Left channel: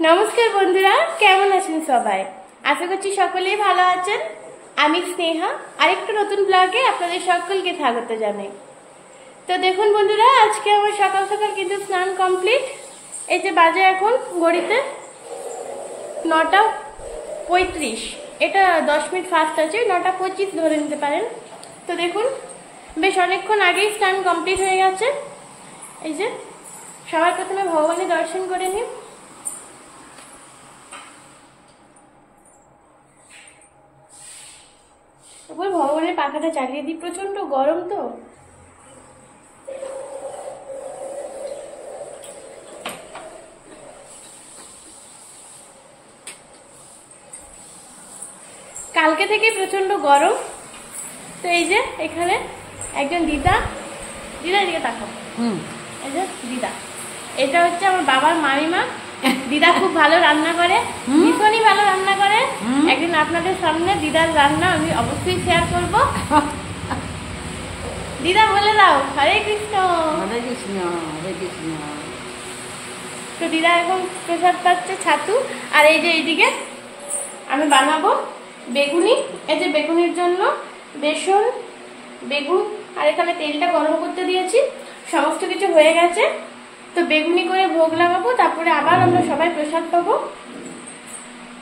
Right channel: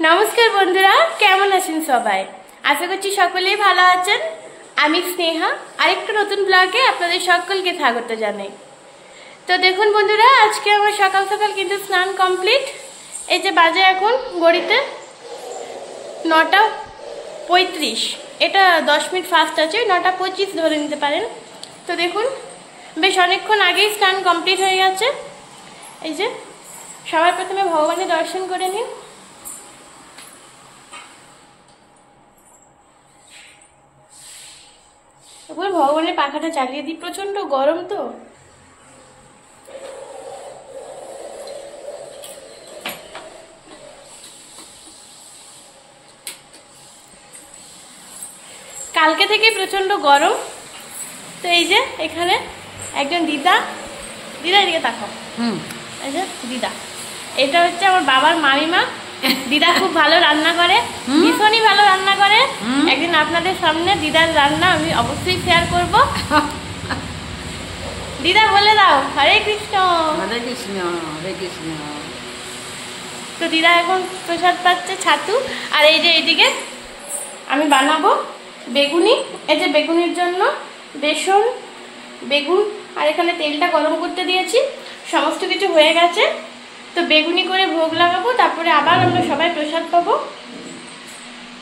নমস্কার বন্ধুরা, কেমন আছেন সবাই? আশা করছি সকলেই ভালো আছেন। আমি স্নেহা আরেকটা নতুন ব্লগে আপনাদের সকলকে স্বাগত জানাই। তো দেখুন বন্ধুরা, আজকে আমার সকাল সকাল কিন্তু স্নান কমপ্লিট। এই যে বাজে এখন ঘড়িতে 9:35, এটা 10 মিনিট ফাস্ট আছে, 9:25 ধরে নিতে পারেন। তো দেখুন বেশ অনেকক্ষণ আগেই স্নান কমপ্লিট হয়ে গেছে। এই যে সবার প্রথমে ভগবানের দর্শন করে নিন। এবার ভগবানের পাখাটা চালিয়ে দিই, প্রচন্ড গরম তো। কালকে থেকে প্রচন্ড গরম। তো এই যে এখানে একজন দিদা এদিকে তাকাও। এই যে দিদা, এটা হচ্ছে আমার বাবার মামিমা। দিদা খুব ভালো রান্না করে, ভীষণই ভালো রান্না করে। একদিন আপনাদের সামনে দিদার রান্না আমি অবশ্যই শেয়ার করব। দিদা বলে দাও হরে কৃষ্ণ। হরে কৃষ্ণ, হরে কৃষ্ণ। তো দিদা এখন প্রসাদ পাচ্ছে ছাতু। আর এই যে এইদিকে আমি বানাবো বেগুনি। এই যে বেগুনির জন্য বেসন, বেগুন আর এখানে তেলটা গরম করতে দিয়েছি, সমস্ত কিছু হয়ে গেছে। তো বেগুনি করে ভোগ লাগাবো, তারপরে আবার আমরা সবাই প্রসাদ পাবো।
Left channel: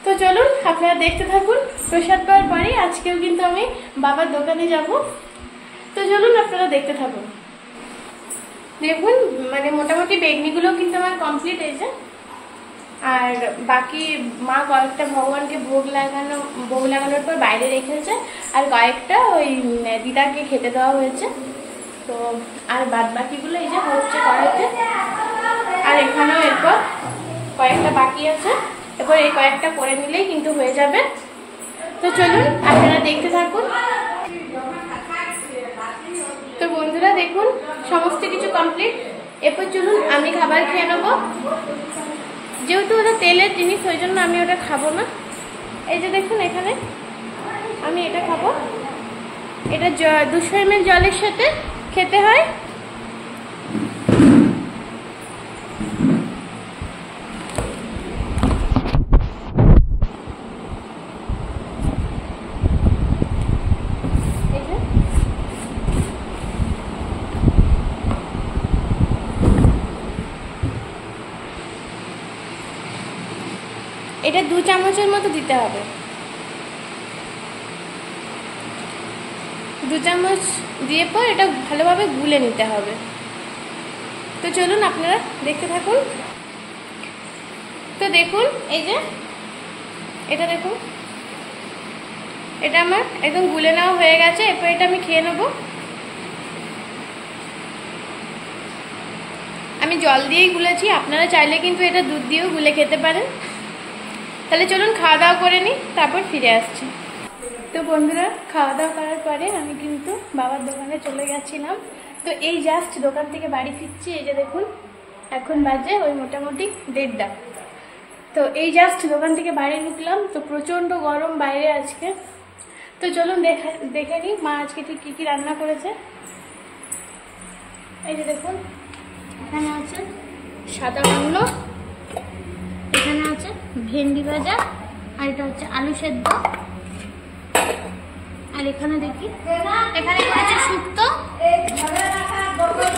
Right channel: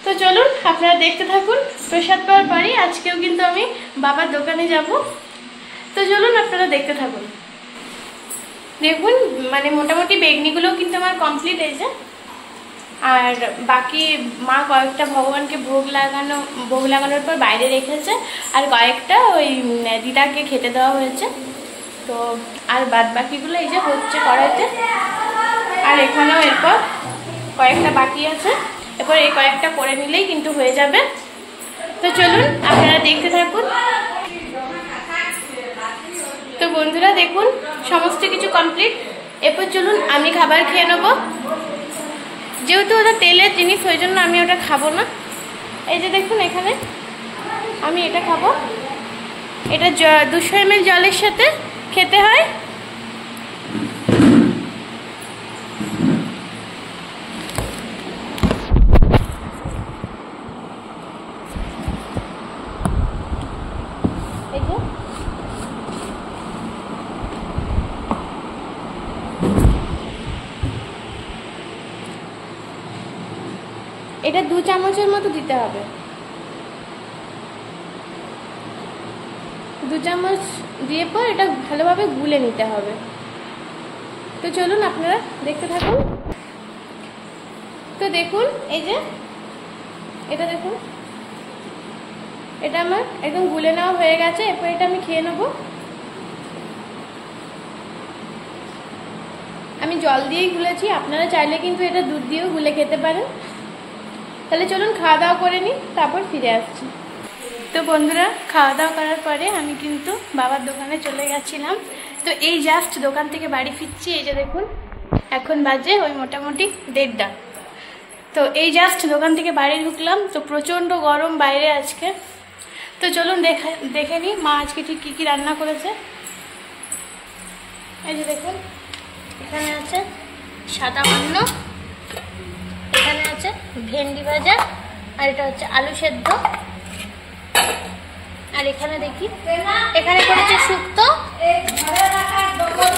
তো চলুন আপনারা দেখতে থাকুন। প্রসাদ পাওয়ার পরেই আজকেও কিন্তু আমি বাবার দোকানে যাব। তো চলুন আপনারা দেখতে থাকুন। দেখুন মানে মোটামুটি বেগনিগুলো কিন্তু আমার কমপ্লিট হয়েছে। আর বাকি মা কয়েকটা ভগবানকে ভোগ লাগানোর পর বাইরে রেখেছে, আর কয়েকটা ওই দিদাকে খেতে দেওয়া হয়েছে। তো আর বাদ বাকিগুলো এই যে হচ্ছে কড়াইতে। আর এখানেও এরপর কয়েকটা বাকি আছে, এরপর এই কয়েকটা করে নিলেই কিন্তু হয়ে যাবে। তো চলুন আপনারা দেখতে থাকুন। তো বন্ধুরা দেখুন সমস্ত কিছু কমপ্লিট। এরপর চলুন আমি খাবার খেয়ে নেবো। যেহেতু ওটা তেলের জিনিস, ওই জন্য আমি ওটা খাবো না। এই যে দেখুন এখানে আমি এটা খাবো। এটা 200 ml জলের সাথে খেতে হয়। এটা 2 চামচের মতো দিতে হবে। 2 চামচ দিয়ে পর এটা ভালোভাবে গুলে নিতে হবে। তো চলুন আপনারা দেখতে থাকুন। তো দেখুন এই যে এটা দেখুন, এটা আমার একদম গুলে নেওয়া হয়ে গেছে। এরপর এটা আমি খেয়ে নেব। আমি জল দিয়েই গুলেছি, আপনারা চাইলে কিন্তু এটা দুধ দিয়েও গুলে খেতে পারেন। তাহলে চলুন খাওয়া দাওয়া করে নিই, তারপর ফিরে আসছি। তো বন্ধুরা খাওয়া দাওয়া করার পরে আমি কিন্তু বাবার দোকানে চলে গেছিলাম। তো এই জাস্ট দোকান থেকে বাড়ি ফিরছি। এই যে দেখুন এখন বাজে ওই মোটামুটি 1:30। তো এই জাস্ট দোকান থেকে বাড়ি ঢুকলাম। তো প্রচণ্ড গরম বাইরে আজকে। তো চলুন দেখে নিই মা আজকে ঠিক কী কী রান্না করেছে। এই যে দেখুন এখানে আছে সাদা অন্ন, এখানে আছে ভেন্ডি ভাজা, আর এটা হচ্ছে আলু সেদ্ধ। আর এখানে দেখি এখানে করেছে শুক্তো,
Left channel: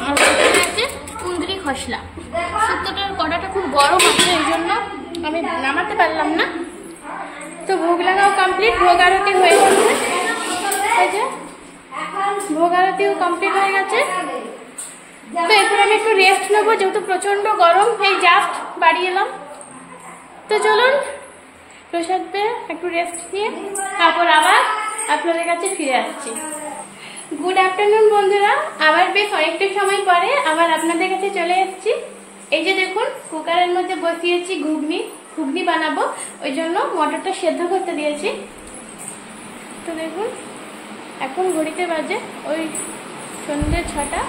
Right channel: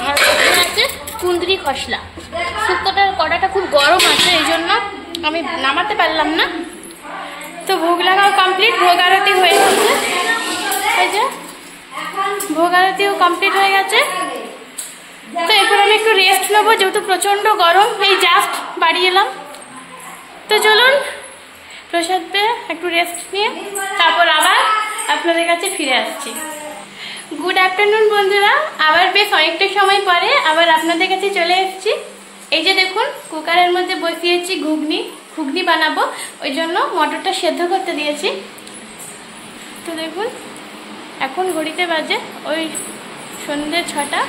আর হচ্ছে কুঁদরি খসলা। শুক্তোটার কড়াটা খুব গরম আছে, এই জন্য আমি নামাতে পারলাম না। তো ভোগ লাগাও কমপ্লিট, ভোগ আরতি হয়ে গেছে। এই যে ভোগ আরতিও কমপ্লিট হয়ে গেছে। তো এরপর আমি একটু রেস্ট নেবো, যেহেতু প্রচণ্ড গরম। এই জাস্ট বাড়ি এলাম। তো চলুন প্রসাদ পেয়ে একটু রেস্ট নিয়ে তারপর আবার আপনাদের কাছে ফিরে আসছি। গুড আফটারনুন বন্ধুরা, আবার বেশ অনেকটা সময় পরে আবার আপনাদের কাছে চলে এসেছি। এই যে দেখুন কুকারের মধ্যে বসিয়েছি ঘুগনি বানাবো, ওই জন্য মটরটা সেদ্ধ করতে দিয়েছি। তো দেখুন এখন ঘড়িতে বাজে ওই সন্ধ্যে 6টা।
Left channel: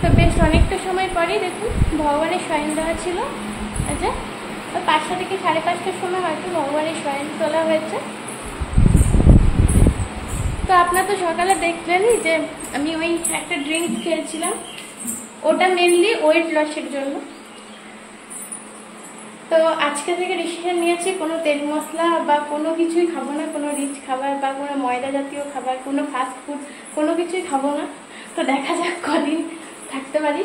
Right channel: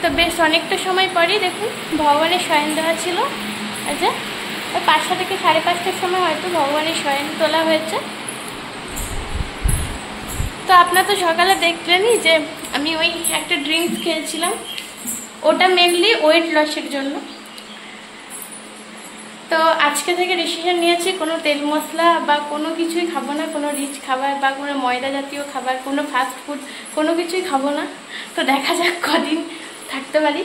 তো বেশ অনেকটা সময় পরেই দেখুন ভগবানের শয়ন দেওয়া ছিল। আচ্ছা ওই 5টা থেকে 5:30টার সময় হয়তো ভগবানের শয়ন তোলা হয়েছে। তো আপনারা তো সকালে দেখলেনই যে আমি ওই একটা ড্রিঙ্কস খেয়েছিলাম, ওটা মেনলি ওয়েট লসের জন্য। তো আজকে থেকে ডিসিশন নিয়েছি কোনো তেল মশলা বা কোনো কিছুই খাবো না, কোনো রিচ খাবার বা কোনো ময়দা জাতীয় খাবার, কোনো ফাস্ট ফুড, কোনো কিছুই খাবো না। তো দেখা যাক কদিন থাকতে পারি।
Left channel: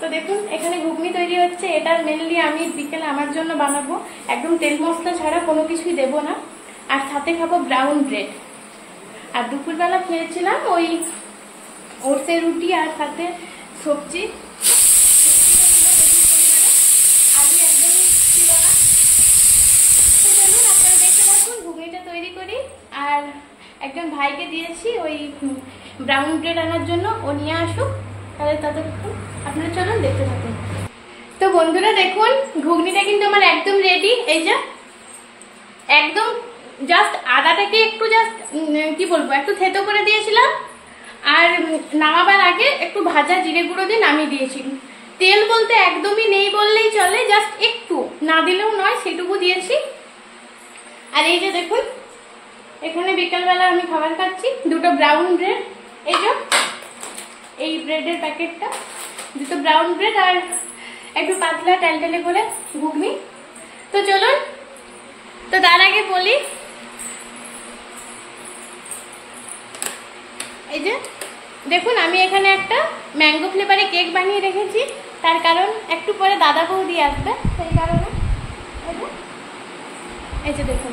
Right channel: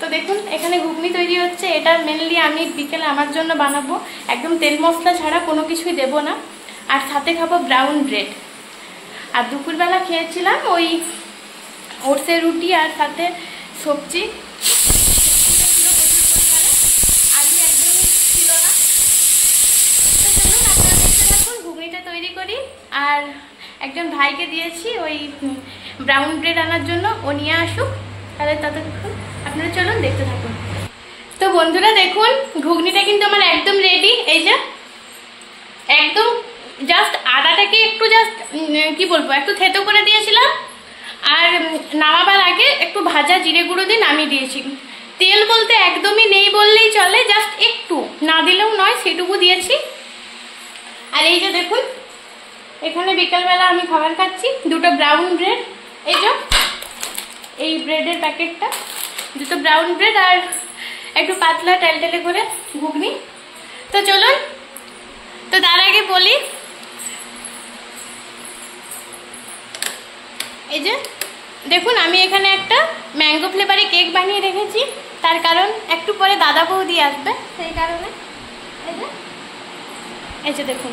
তো দেখুন এখানে ঘুগনি তৈরি হচ্ছে, এটা মেনলি আমি বিকেলে আমার জন্য বানাবো, একদম তেল মশলা ছাড়া কোনো কিছুই দেবো না। আর সাথে খাবো ব্রাউন ব্রেড। আর দুপুরবেলা খেয়েছিলাম ওই ওটসের রুটি আর সাথে সবজি, আলু একদমই ছিল না। তো চলুন আপনারা দেখতে থাকুন, ঘুগনিটা তৈরি করি। আর একজন ভাইকে দিয়েছি ওই ব্রাউন ব্রেড আনার জন্য, ও নিয়ে আসুক, তাহলে ততক্ষণ আপনারা চলুন দেখতে থাকুন। তো বন্ধুরা দেখুন ঘুগনিটা কিন্তু আমার একদম রেডি। এই যে একদম জাস্ট আদাটাকে একটু জাস্ট কি বলবো একটু থেতো করে দিয়েছিলাম, আর নামাবার আগে একটু ভাজা জিরে গুঁড়ো দিয়ে নামিয়ে দিয়েছি। তেল বলতে একদমই নেই বললেই চলে, জাস্ট একটু, না দিলেও নয় সেটুকু দিয়েছি। আর এই যে দেখুন এখানে বিকালবেলা আমি খাবার খাচ্ছি, দুটো ব্রাউন ব্রেড, এই যে এই ব্রেডের প্যাকেটটা, দুটো ব্রাউন ব্রেড আর একটু পাতলা টেলটেলে করে ঘুগনি। তো চলুন, তো তার আগে বলি এই যে দেখুন আমি এখানে একটা ম্যাঙ্গো ফ্লেভারে কেক বানিয়ে রেখেছি, তার কারণ একটু পরে দাদা বৌদি আসবে, সেই কারণে। এই যে দেখুন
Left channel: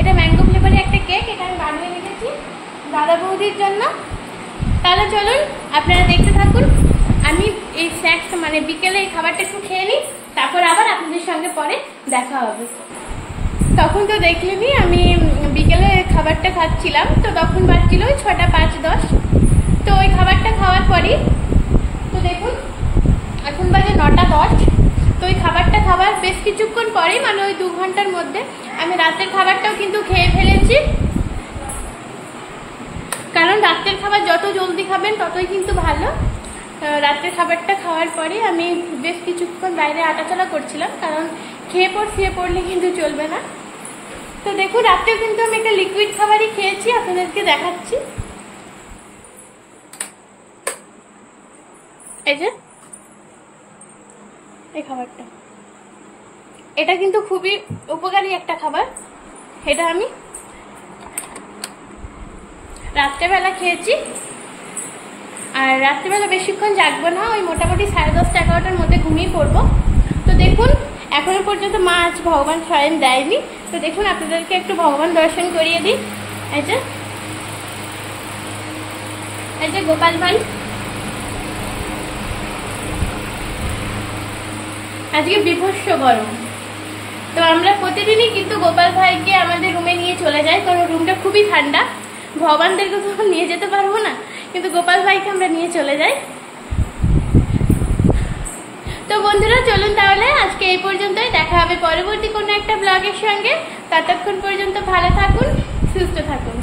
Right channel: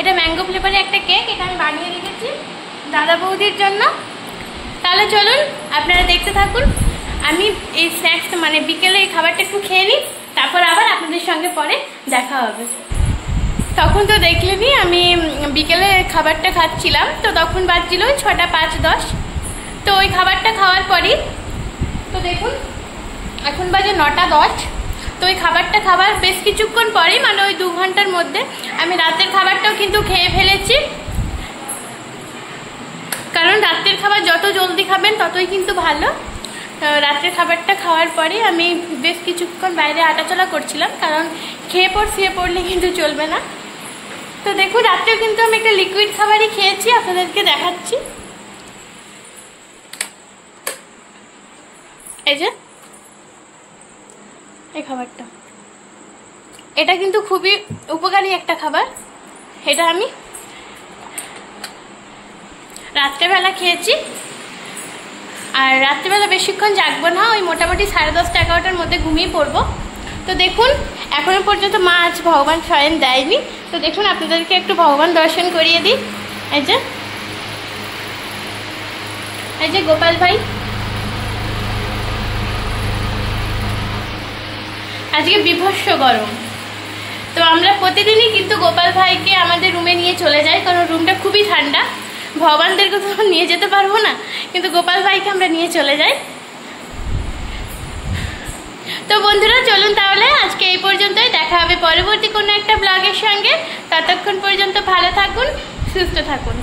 এটা ম্যাঙ্গো ফ্লেভারে একটা কেক, এটা আমি বানিয়ে রেখেছি দাদা বৌদির জন্য। তাহলে চলুন আপনারা দেখতে থাকুন, আমি এই স্ন্যাক্স মানে বিকেলে এই খাবারটা একটু খেয়ে নিই, তারপর আবার আপনাদের সঙ্গে পরে দেখা হবে। তখন তো দেখলেনি আমি বিকেলে খাবারটা খাচ্ছিলাম, তো তখন বাজছিল 6টা 5-10। তো ওই খাবারটা খাওয়ার পরই তো দেখুন এখন বাজে 9টা 10। তো ওই খাবারটা খাবার বেশ কিছুক্ষণ পরেই, মানে ওই 2 ঘন্টার মধ্যে আমি রাতের খাবারটাও কিন্তু খেয়ে ফেলেছি। কারণ রাতের খাবার যত জলদি খাবেন ততই কিন্তু ভালো। রাতের খাবারটা খাওয়ার পরে আমি বেশ কিছুক্ষণ বাইরে হাঁটাচলা করছিলাম, কারণ খেয়ে শুয়ে পড়লে কিন্তু চলবে না। তো দেখুন রাত্রেও কিন্তু আমি একটা লিকুইড খাবারই খেয়েছি, আপনাদেরকে দেখাচ্ছি। এই যে এই খাবারটা, এটা কিন্তু খুবই উপকারী একটা খাবার। এটা আমি রাত্রেবেলা খেয়েছি, আর রাত্রেবেলা বেশিক্ষণ জাগবো না, ওই মোটামুটি 10:30 11টার মধ্যে ঘুমিয়ে পড়বো। তো দেখুন এখনো পর্যন্ত মা আজ ভগবান শয়ন দেয়নি, তো দেখুন আপনাদেরকে একটু ভগবান দর্শন করিয়ে দিই। এই যে গোপাল ভাই, আজকে বিভৎস গরম। তো আমরা প্রতিদিনই কিন্তু গোপাল ভাইকে আমাদের রুমে নিয়ে চলে যাই, কারণ রুমটা খুবই ঠান্ডা। ভগবানদেরকে তো নিয়ে যেতে পারবো না, কিন্তু গোপাল ভাইকে আমরা নিয়ে চলে যাই। তো বন্ধুরা চলুন তাহলে আজকে এই পর্যন্তই, দেখা হবে পরবর্তী কোনো একটা ব্লগের সঙ্গে। ততক্ষণ পর্যন্ত ভালো থাকুন, সুস্থ থাকুন।